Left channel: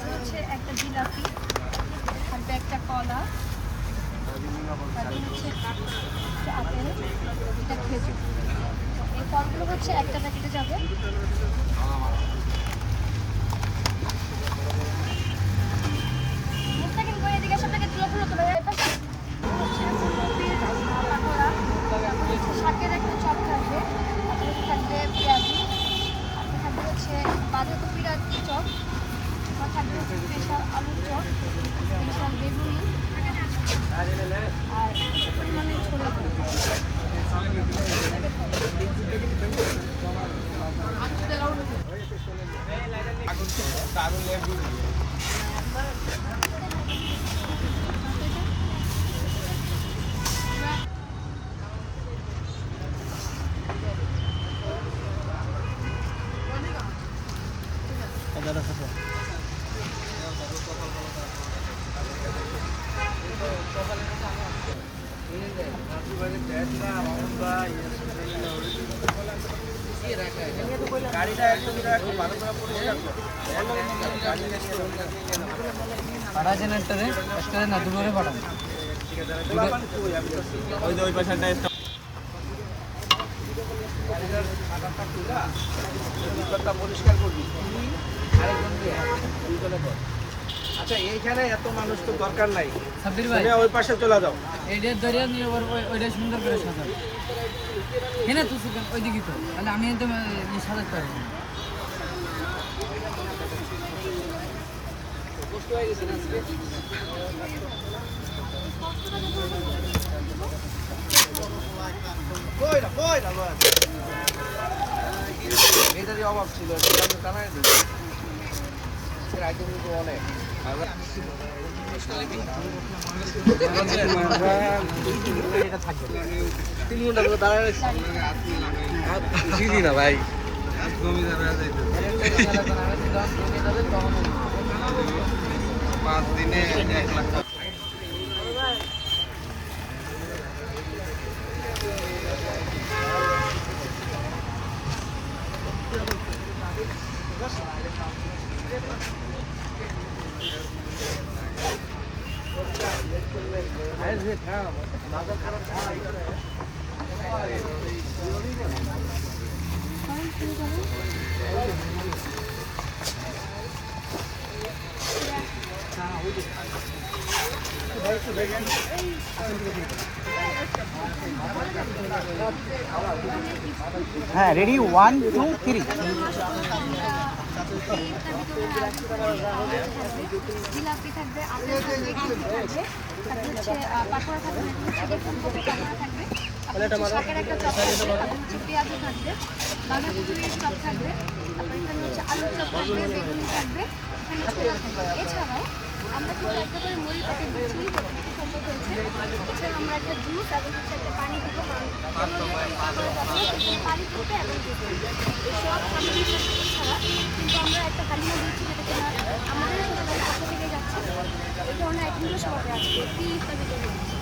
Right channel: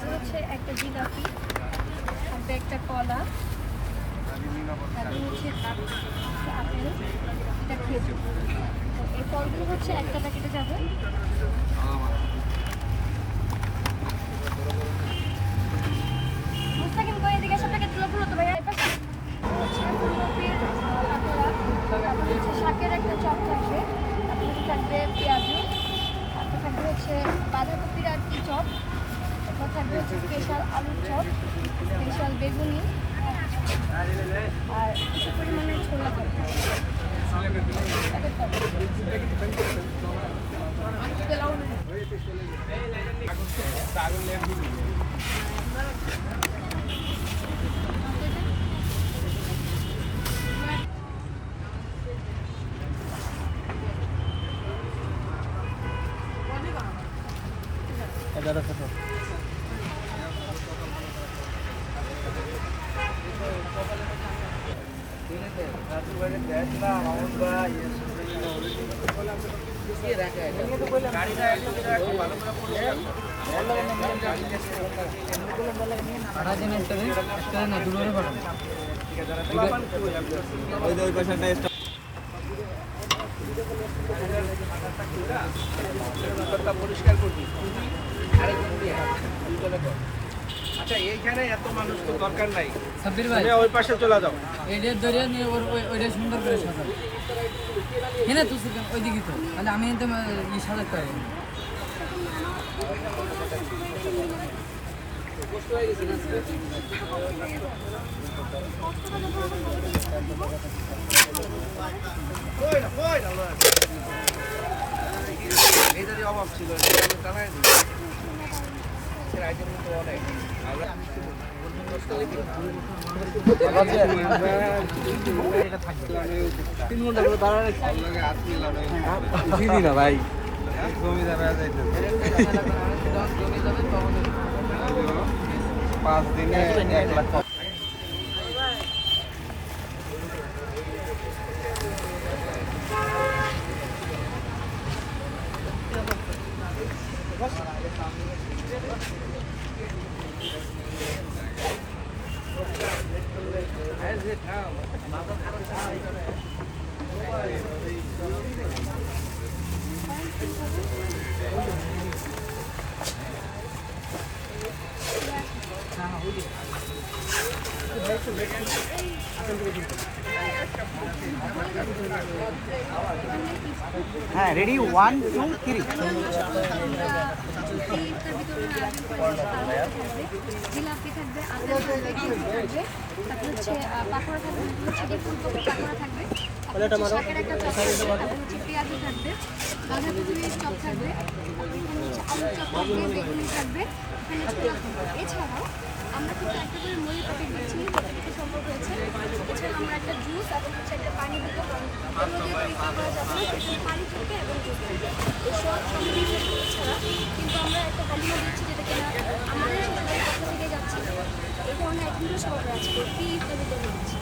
তারপরে হচ্ছে একটা জিলাপি, থাকবে একটা কলা, তারপরে হচ্ছে একটা আপেল, একটা খেজুর। এই ফলগুলো হচ্ছে একটা প্যাকেটে যাবে। মুস্তাকিম করে এদিকে সব প্যাকেট তুলো তো ভাইয়া। হচ্ছে ফুলকপির পাকোড়া, তারপরে হচ্ছে শাকের একটা চপ থাকবে, তারপরে হচ্ছে থাকবে পেঁয়াজু, তারপর থাকবে হচ্ছে বাঁধাকপির আর কি চপ, তারপর থাকবে হচ্ছে স্পেশাল আলুর চপ, স্পেশাল বেগুনি, আর কিছু পরিমাণে ছোলা থাকবে। দাদা ছোট না দুপুরে পাঠানো ওই পয়সাটা পরিষ্কার করবি। আচ্ছা এইখানে এত মানুষ তো দরকার নাই, সাব্বির ভাই ওই পাশে চলে যাও। এইটা দরিয়া নিয়ে ওইটা সুন্দর করে সাজাও। হ্যাঁ তুই ওই দিকে তো তাহলে আমি তো সাজাতে পারবো। এইটারই অভাব ছিল, অনেক ভাই জমি 5 দিনে 1 লাখ। হ্যাঁ রেডি 1 2 3। জিলাপি থাকবে, আপেল থাকবে, থাকবে, তারপর হচ্ছে পাকোড়া থাকবে, হচ্ছে ফুলকপি পাকোড়া থাকবে, শাকের একটা চপ থাকবে, তারপর হচ্ছে পেঁয়াজু থাকবে, বাঁধাকপির চপ থাকবে, তারপর এখানে হচ্ছে আলুর চপ থাকবে, বেগুনি থাকবে, এখানে ছোলা থাকবে। এছাড়াও আমরা কিন্তু একটা করে মুড়ি প্যাকেট দিচ্ছি যতটুকু সম্ভব হয়েছে। এছাড়া আমরা একটা জুস এবং হচ্ছে একটা পানি দিব, কারণ এগুলো যেহেতু ইফতার করা যাবে না, সেখানে পানি থাকবে এবং জুস থাকবে। এই সব সামগ্রী এছাড়া কিন্তু আমরা একটা হালিমও দিচ্ছি, যেটা কিনা আমাদের শ্বশুরবাড়ির পক্ষ থেকে যাচ্ছে। এই ধরনের আইটেমগুলো সব আমরা আজকে ইফতার দিচ্ছি।